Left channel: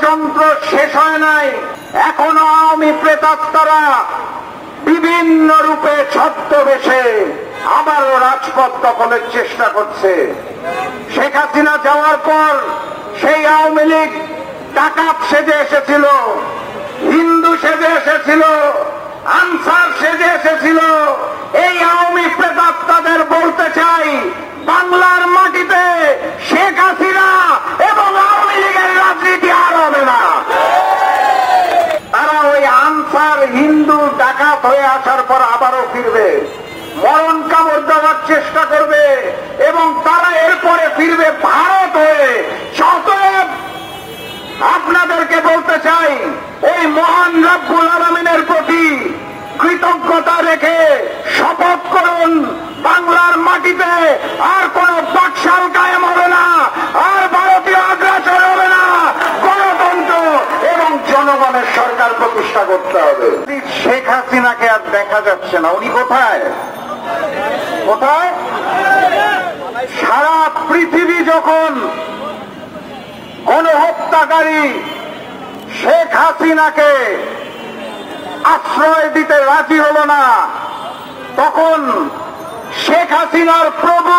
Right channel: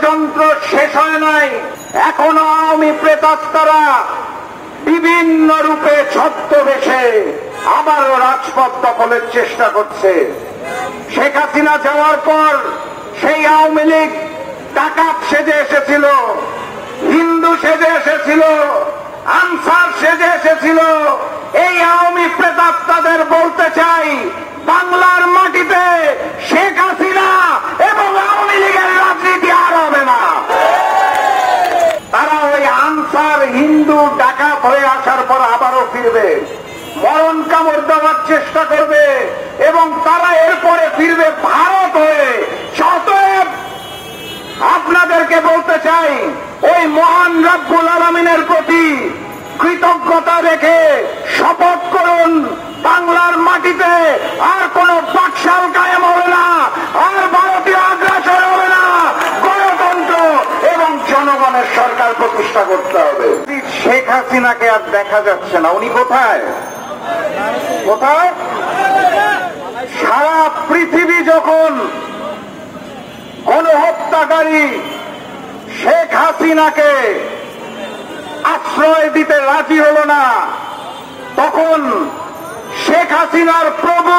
ষড়যন্ত্র শেষ হয় নাই। এখনো আওয়ামী প্রেতাত্মারা বিভিন্ন রূপে ছদ্মবেশে আবারও রাজপথ দখলের চেষ্টা করছে। শেখ হাসিনা যাওয়ার পর সেই আওয়ামী লীগ ডাকাত সেজে এসেছিল, হিন্দু সেজে এসেছিল, আনসার সেজে এসেছিল। এই আওয়ামী প্রেতাত্মাদের বলতে চাই, বাংলার মাটিতে শেখ হাসিনা এবং আওয়ামী লীগের রাজনীতি আর হবে না। তারা ওই আনসার হিন্দু ডাকাত হয়ে আসার পর আবারও ফিরবে, মরণ কামড় দেওয়ার চেষ্টা করবে এবং তারা এরপরে ফিরবে ভারত হয়ে। অতএব আপনাদেরকে বলতে চাই, ওই মহান রব্বুল আলামিনের প্রতি কৃতজ্ঞতা রেখে শপথ করুন, বাংলার মাটিতে আর কোন বাকশাল কায়েম হবে না, আর ভারতীয় আগ্রাসন হবে না। গণতন্ত্র এবং জনগণের সরকার প্রতিষ্ঠা করতে হবে। শেখ হাসিনাকে আর দেখা যাচ্ছে না। উনি কোথায় কোথায়? সারা পৃথিবী যখন গণহত্যাকারী শেখ হাসিনাকে আশ্রয় দিতে রাজি হল না, তখন শেখ হাসিনার প্রভু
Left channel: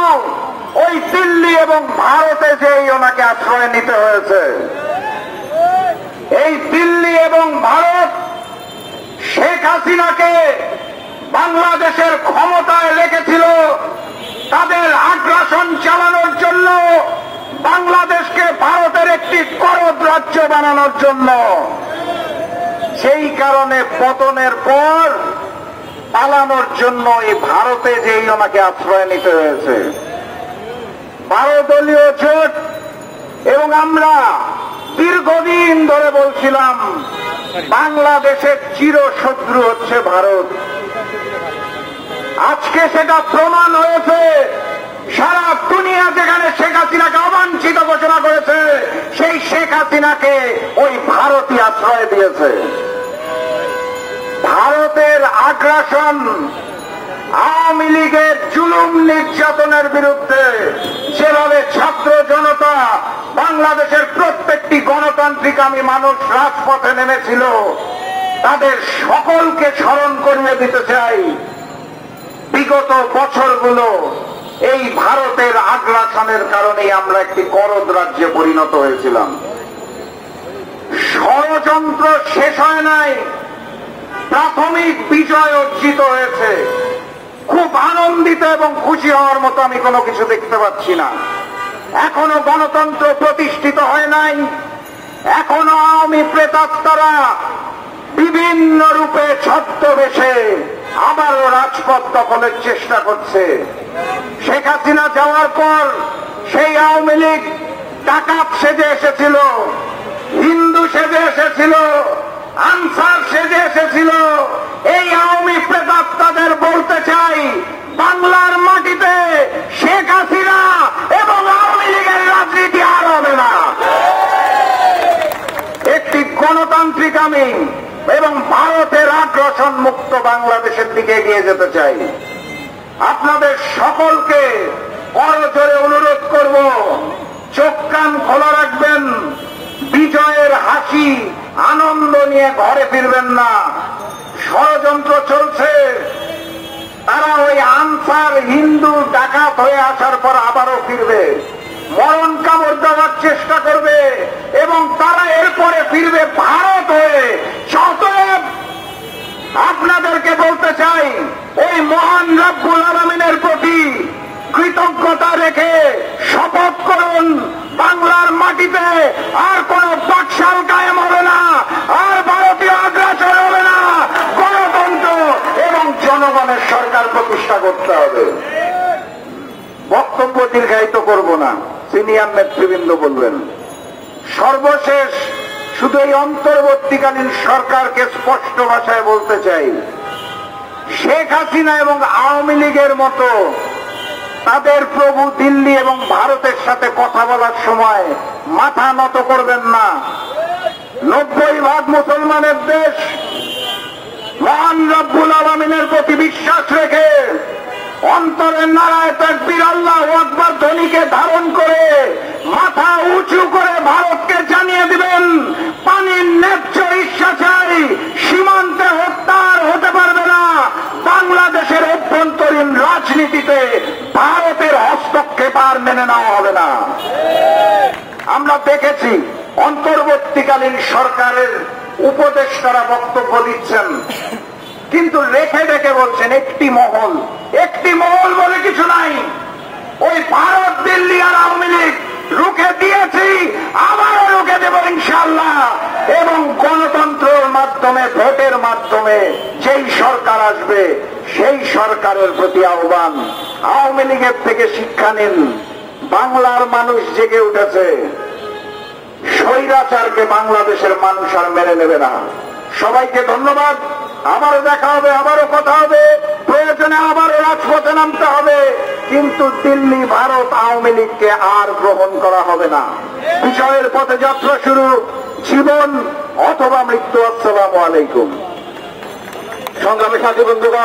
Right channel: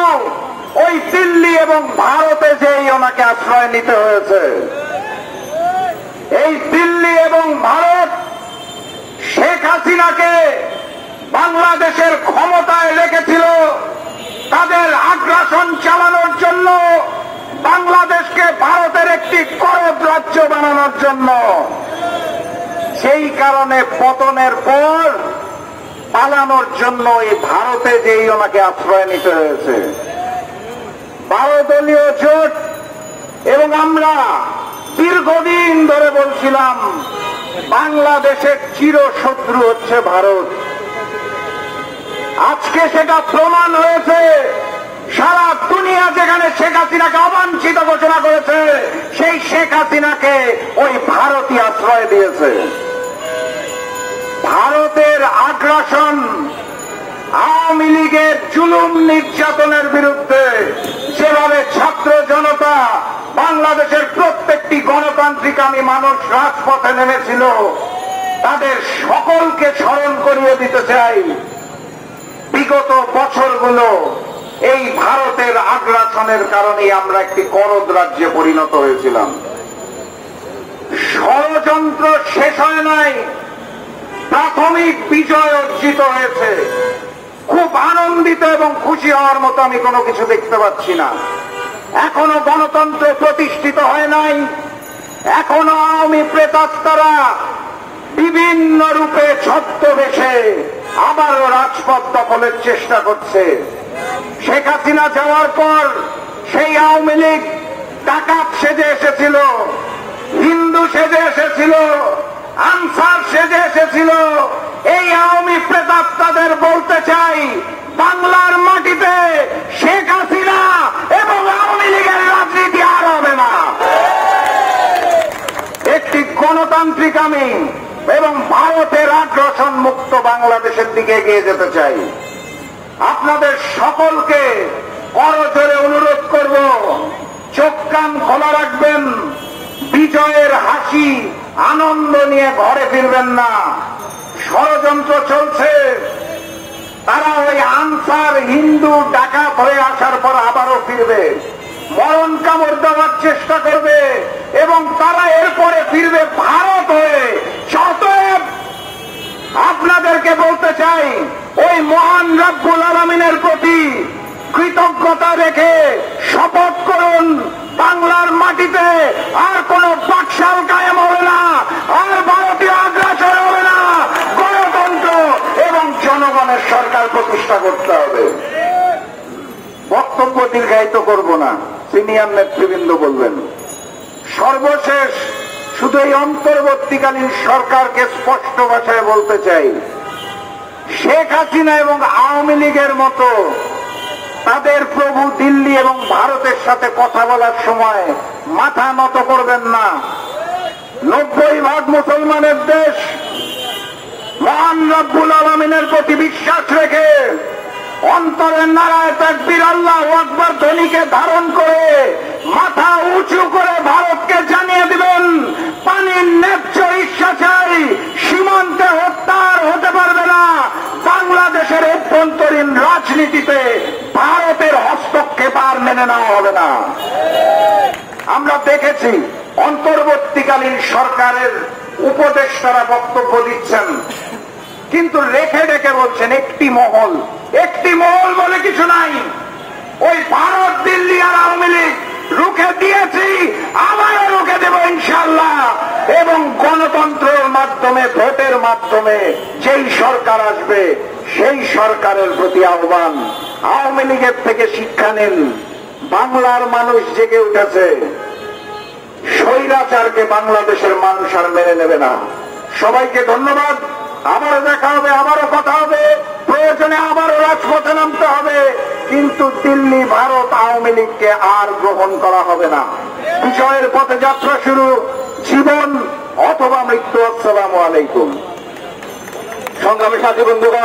ওই দিল্লি এবং ভারতে যেই ওনাকে আশ্রয় নিতে হয়েছে। এই দিল্লি এবং ভারত শেখ হাসিনাকে বাংলাদেশের ক্ষমতায় রেখেছিল তাদের আগ্রাসন চালানোর জন্য, বাংলাদেশকে ভারতের একটি করদ রাজ্য বানানোর জন্য। সেই কারণে পতনের পর পালানোর জন্য এই ভারতে যেই ওনাকে আশ্রয় নিতে হয়েছে। 12 দলীয় জোট এবং আমরা দীর্ঘদিন ধরে বলছিলাম বাংলাদেশের চিরশত্রু হচ্ছে ভারত। আজকে সেটা প্রমাণ হয়েছে। সারা দুনিয়া যেখানে শেখ হাসিনাকে অবাঞ্ছিত ঘোষণা করেছে, সেই শেখ হাসিনাকে ওই ভারতই আশ্রয় দিয়েছে। ভারতের আগ্রাসন, আওয়ামী লীগের জুলুম নির্যাতনের বিরুদ্ধে যেভাবে ছাত্র জনতা, বাংলাদেশের প্রত্যেকটি গণতান্ত্রিকামী মানুষ রাজপথে নেমেছিল, তাদের সকলকে স্মরণ করিয়ে দিতে চাই, বিগত বছরগুলো এই ভারতের আগ্রাসনের কারণে আমরা একটি করদ রাজ্যে পরিণত হয়েছিলাম। ষড়যন্ত্র শেষ হয় নাই, প্রাথমিক বিজয় অর্জিত হয়েছে। খুব আনন্দিত এবং খুশি হওয়ার মতো আমি কোনো কিছু দেখতে পাচ্ছি না। এখনো গণতন্ত্র প্রতিষ্ঠিত হয় নাই। এখনো আওয়ামী প্রেতাত্মারা বিভিন্ন রূপে ছদ্মবেশে আবারও রাজপথ দখলের চেষ্টা করছে। শেখ হাসিনা যাওয়ার পর সেই আওয়ামী লীগ ডাকাত সেজে এসেছিল, হিন্দু সেজে এসেছিল, আনসার সেজে এসেছিল। এই আওয়ামী প্রেতাত্মাদের বলতে চাই, বাংলার মাটিতে শেখ হাসিনা এবং আওয়ামী লীগের রাজনীতি আর হবে না। একটি গণতান্ত্রিকামী এবং ভারতের আগ্রাসন মুক্ত বাংলাদেশের দিকে এগিয়ে যেতে চাই। আপনাদের সকলকে করজোরে অনুরোধ করব, চোখ কান খোলা রাখবেন। বিজয়ের হাসি আনন্দ নিয়ে ঘরে ফিরবেন না। ষড়যন্ত্র চলছে। তারা ওই আনসার হিন্দু ডাকাত হয়ে আসার পর আবারও ফিরবে, মরণ কামড় দেওয়ার চেষ্টা করবে এবং তারা এরপরে ফিরবে ভারত হয়ে। অতএব আপনাদেরকে বলতে চাই, ওই মহান রব্বুল আলামিনের প্রতি কৃতজ্ঞতা রেখে শপথ করুন, বাংলার মাটিতে আর কোন বাকশাল কায়েম হবে না, আর ভারতীয় আগ্রাসন হবে না। গণতন্ত্র এবং জনগণের সরকার প্রতিষ্ঠা করতে হবে। বক্তব্য দীর্ঘায়িত করব না, সিনিয়র নেতৃবৃন্দ বললেন। সর্বশেষ শুধু এই অন্তর্বর্তীকালীন সরকারকে স্পষ্ট ভাষায় বলতে চাই, শেখ হাসিনা এবং আওয়ামী লীগের মতো তাদের প্রভু দিল্লি এবং ভারতের সাথে কথা বলার সময় মাথা নত করবেন না। 90% মুসলমানের দেশ, মহান রব্বুল আলামিনের প্রতি বিশ্বাস রেখে অন্তরের নারায় তাকবীর আল্লাহু আকবার ধ্বনিকে ধারণ করে মাথা উঁচু করে ভারতকে জানিয়ে দিবেন, অন্তর্বর্তীকালীন রাজনীতিতে ভারতের হস্তক্ষেপ আর মেনে নেওয়া হবে না। আমরা দেখেছি অন্তর্বর্তীকালীন সরকারের উপদেষ্টারা বক্তব্য দিচ্ছেন, কিন্তু রেখে রেখে বলছেন একটি মহল বলে কিছু নাই। ওই ভারত, দিল্লি আর আওয়ামী লীগ রুখে দিয়েছি, আবারও রুখে দেব ইনশাআল্লাহ। এবং গণতন্ত্রের মাধ্যমে, ভোটের মাধ্যমে যেই সরকার আসবে সেই সরকারের প্রতি আহ্বান, আওয়ামী লীগের থেকে শিক্ষা নিন। বাংলার মানুষ জেগে উঠেছে, স্বৈরাচারকে বাংলাদেশের মানুষ আর মেনে নেবে না। সবাইকে ধন্যবাদ। আবারও দেখা হবে, আবারও কথা হবে, প্রয়োজনে আবারও রাজপথে নামতে হবে, কিন্তু দিল্লি, ভারত, আওয়ামী লীগকে আর গ্রহণ করা হবে না। বিজয়ের পথে যাত্রা শুরু, জীবন অথবা মৃত্যু। আসসালামু আলাইকুম। সংগ্রামী সাথী বন্ধুগণ।